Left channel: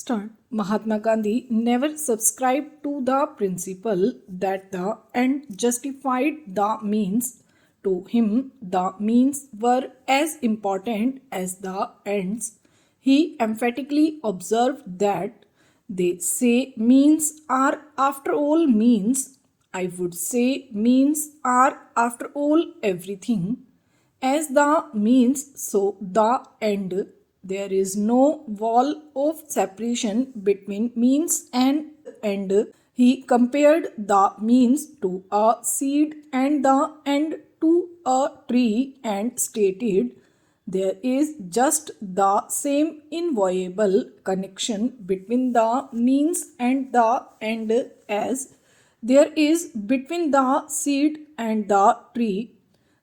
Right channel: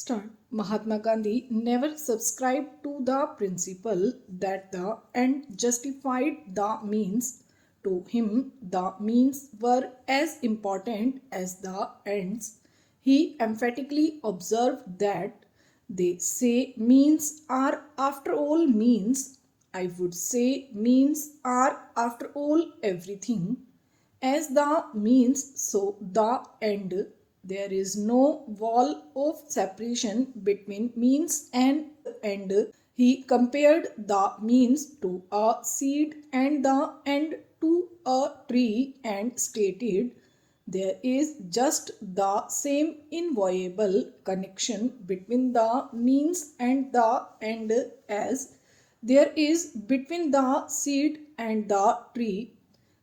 Start. Mahatma Gandhi never subscribed to the principle that the end justified the means. To him, the means were as important as the ends. He emphatically observed that they say means are after all means. I would say means are after all everything. As the means, so the end. There is no wall of separation between means and end. He compared the means to a seed and the end to a tree and stated there is just the same inviolable connection between the means and the end as there is between the seed and the tree.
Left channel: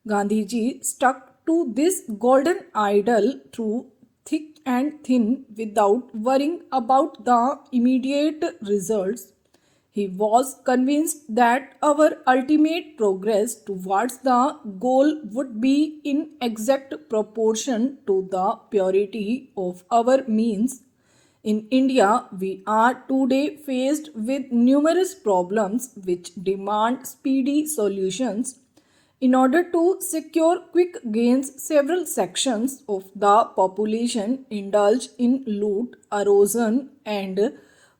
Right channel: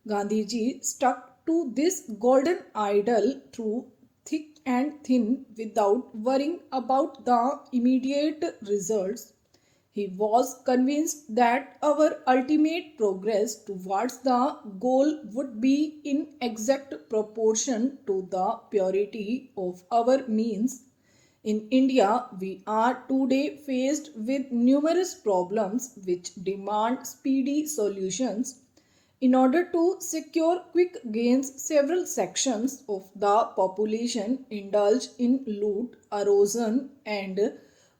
Gandhiji stuck to this golden idol through thick and thin without worrying about the immediate results. He was convinced that our ultimate progress towards the goal would be in exact proportion to the purity of our means. In India, we are today faced with numerous problems which demand speedy solutions. In order to secure quick gains, several sections of the population indulge in loot, erosion, and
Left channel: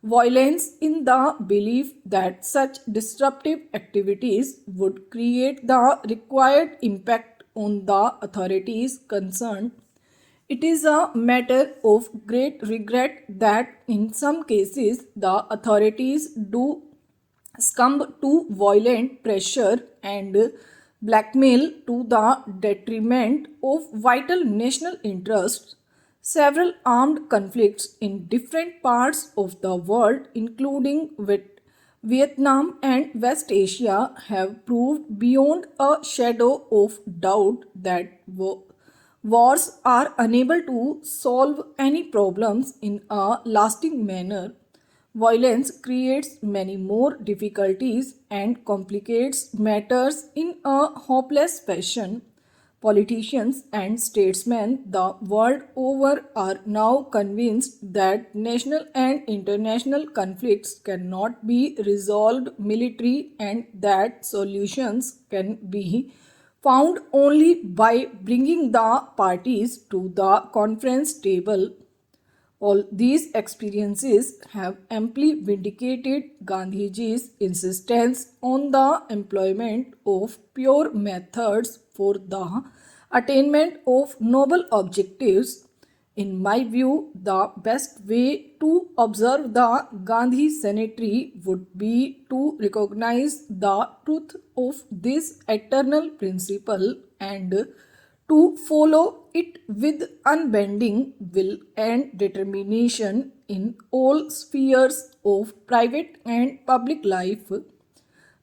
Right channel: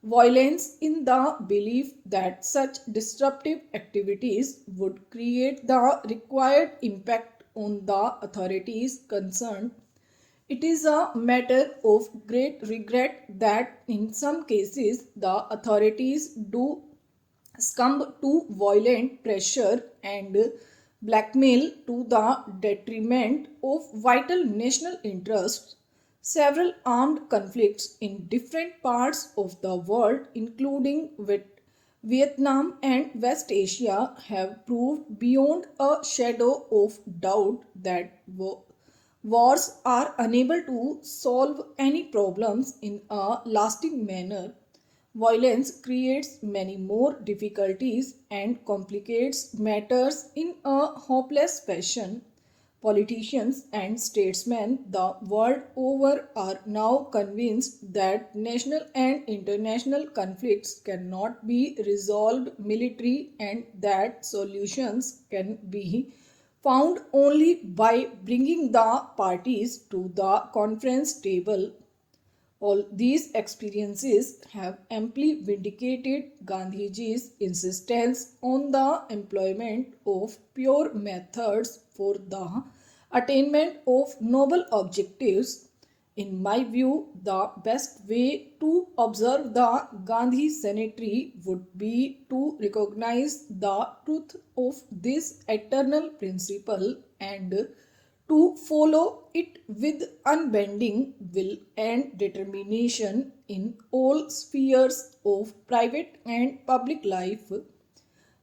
violence in the belief that such disruptive activities would create the required impact on the authorities concerned. It is a matter of great regret that in some cases the authorities do succumb to violent pressure and blackmail to the detriment of vital national interests. Several armed conflicts in different parts of the world, including with Vietnam and West Asia, have proved beyond a shadow of doubt that wars are unable to solve any problems in a lasting manner. Violence creates many more difficulties and complicates matters in a hopeless fashion. Politicians and statesmen the world over are now convinced that national and international conflicts cannot be resolved militarily and that solutions can be found only by bringing the parties to the conference table. All these experiences have amply vindicated Gandhiji's insistence on the employment of pure methods for the attainment of noble objectives. In my view, the best way to observe the Gandhi Sanitary would be to recognize the truth of this eternal principle and to follow it with unbending will and determination in all spheres of private and public life.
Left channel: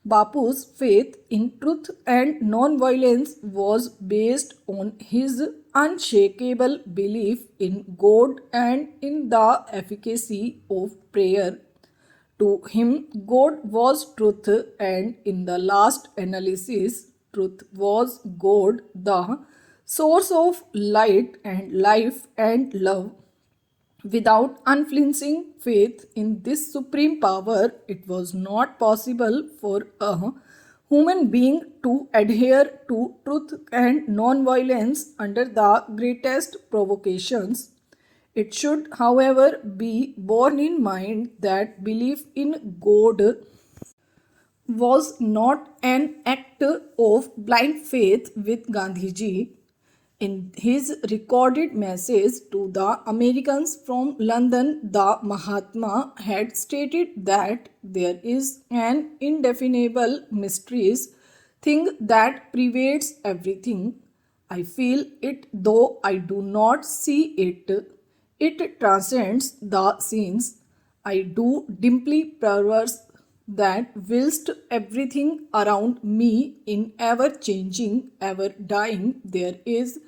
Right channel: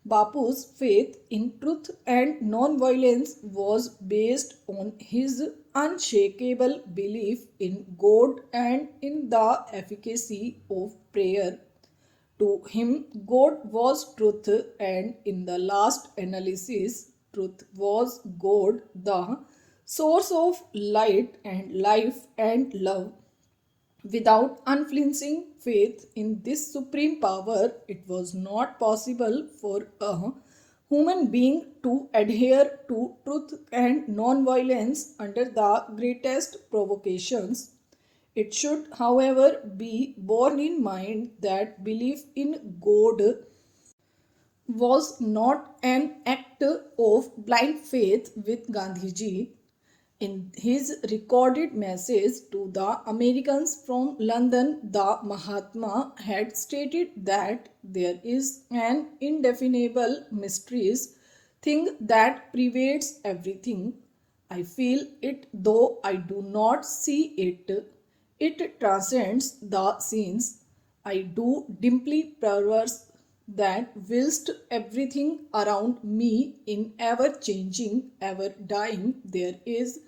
Bapu's faith in truth and non-violence was based on his unshakable belief in God and in the efficacy of prayer. To him, God was truth, and in the last analysis, truth was God, the source of light and life and love. Without unflinching faith in this supreme power, it was not possible for a human being to adhere to truth and non-violence under the greatest provocations. It should, however, be borne in mind that belief in God was not an act of blind faith with Gandhiji. In his recorded message to the Americans from London, the Mahatma had stated that there is an indefinable mysterious thing that pervades everything. I feel it though I do not see it. It transcends the scenes. I do dimly perverse that whilst everything around me in ever changing, ever dying, there is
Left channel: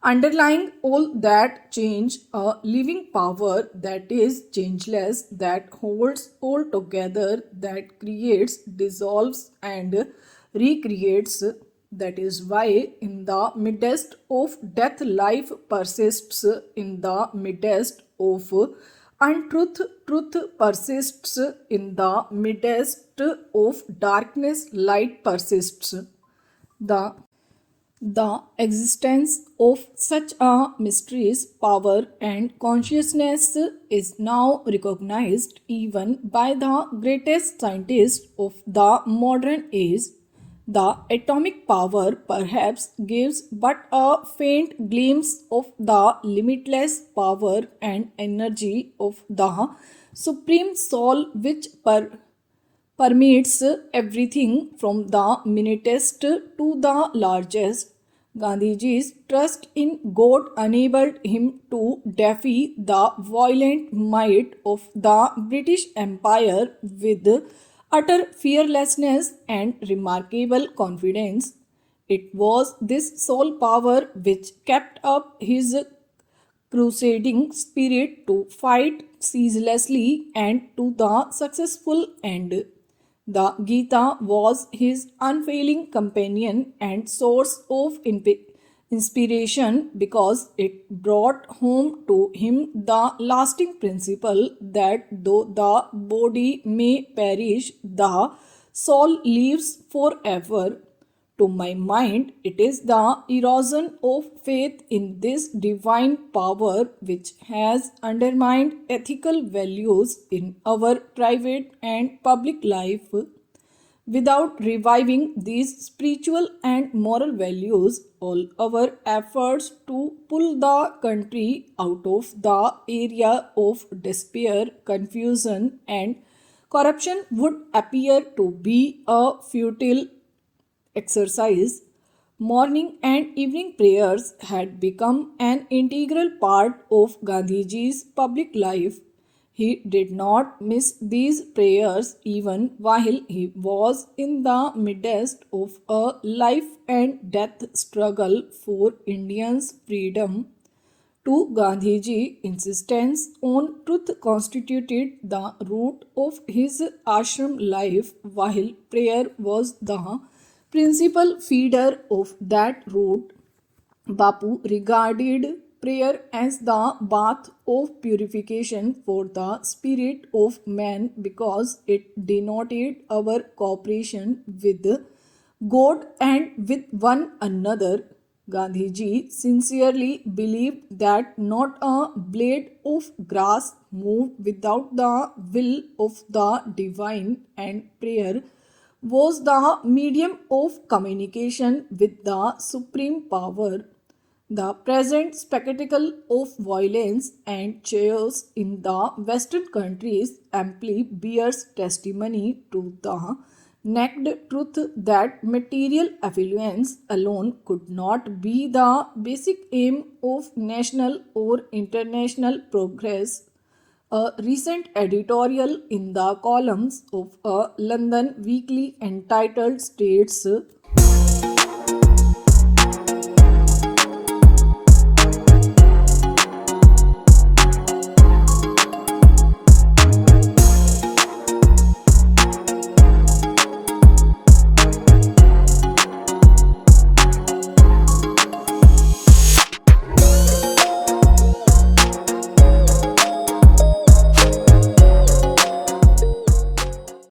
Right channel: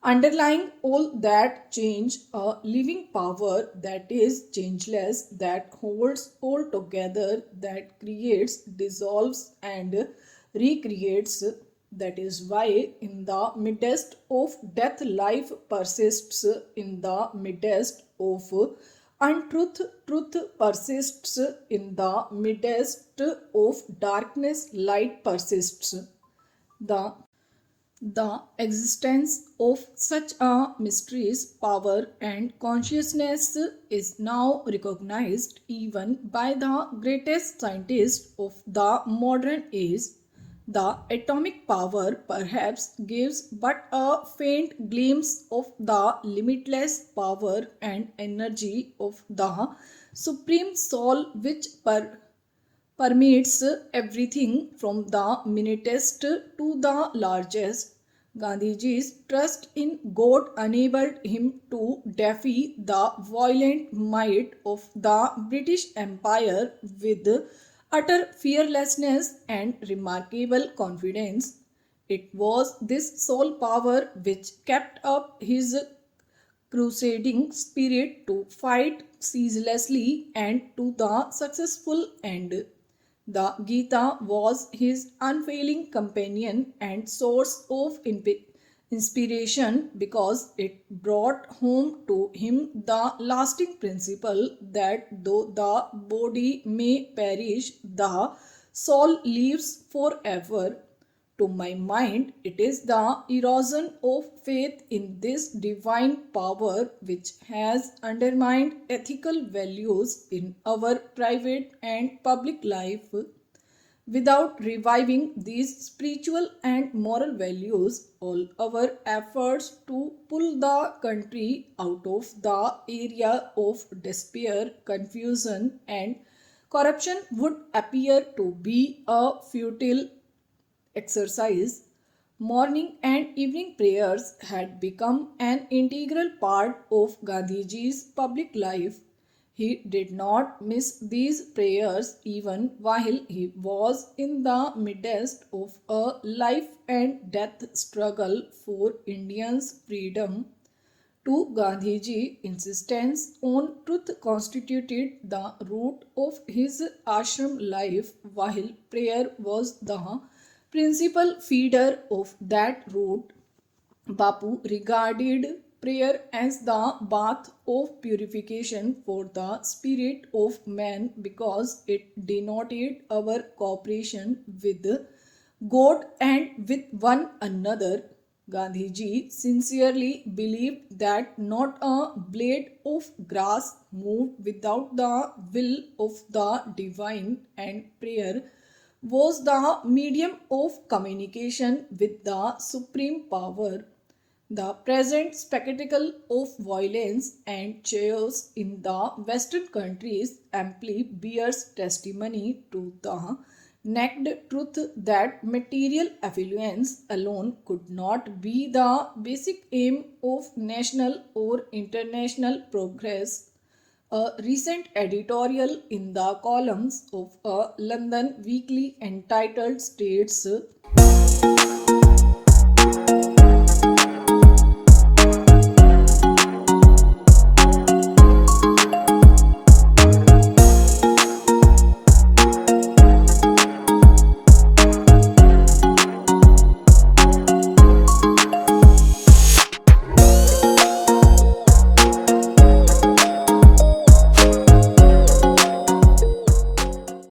underlying all that change a living power that is changeless, that holds all together, that creates, dissolves, and recreates. That is why, in the midst of death, life persists. In the midst of Untruth, truth persists in the midst of darkness, light persists. The existence of such a mysterious power and consciousness is now recognized even by the greatest scientists of the modern age. The atomic power perhaps gives but a faint glimpse of the limitless power and energy of the Supreme Soul, which permeates everything from the minutest to the largest. Gandhiji's trust in God enabled him to defy the violent might of the British Empire with utter fearlessness and remarkable confidence. It was this sole power which kept up his crusading spirit to fight ceaselessly and to the successful end. The Gita was his unfailing companion and source of inspiration because it brought home to him the lasting principle that though the body may perish, the soul lives forever. To my mind, it is the erosion of faith in this divine power which has undermined ethical values in our private and public life. Without reviving these spiritual and moral values, all our efforts to pull the country out of the area of despair, confusion, and corruption would appear to be a futile exercise. Morning and evening prayers had become an integral part of Gandhiji's public life. He did not miss these prayers even while he was in the midst of a life and death struggle for Indians' freedom. To Gandhiji, insistence on truth constituted the root of his ashram life, while prayer was the principal feeder of that root. Bapu regarded prayer as the bath of purification for the spirit of man because it denoted our cooperation with God and with one another. Gandhiji sincerely believed that not a blade of grass moved without the will of the divine, and prayer was the medium of communication with the supreme power. The present spectacle of violence and chaos in the Western countries amply bears testimony to the naked truth that material affluence alone could not be the basic aim of national or international progress. A recent editorial in the columns of a London weekly entitled states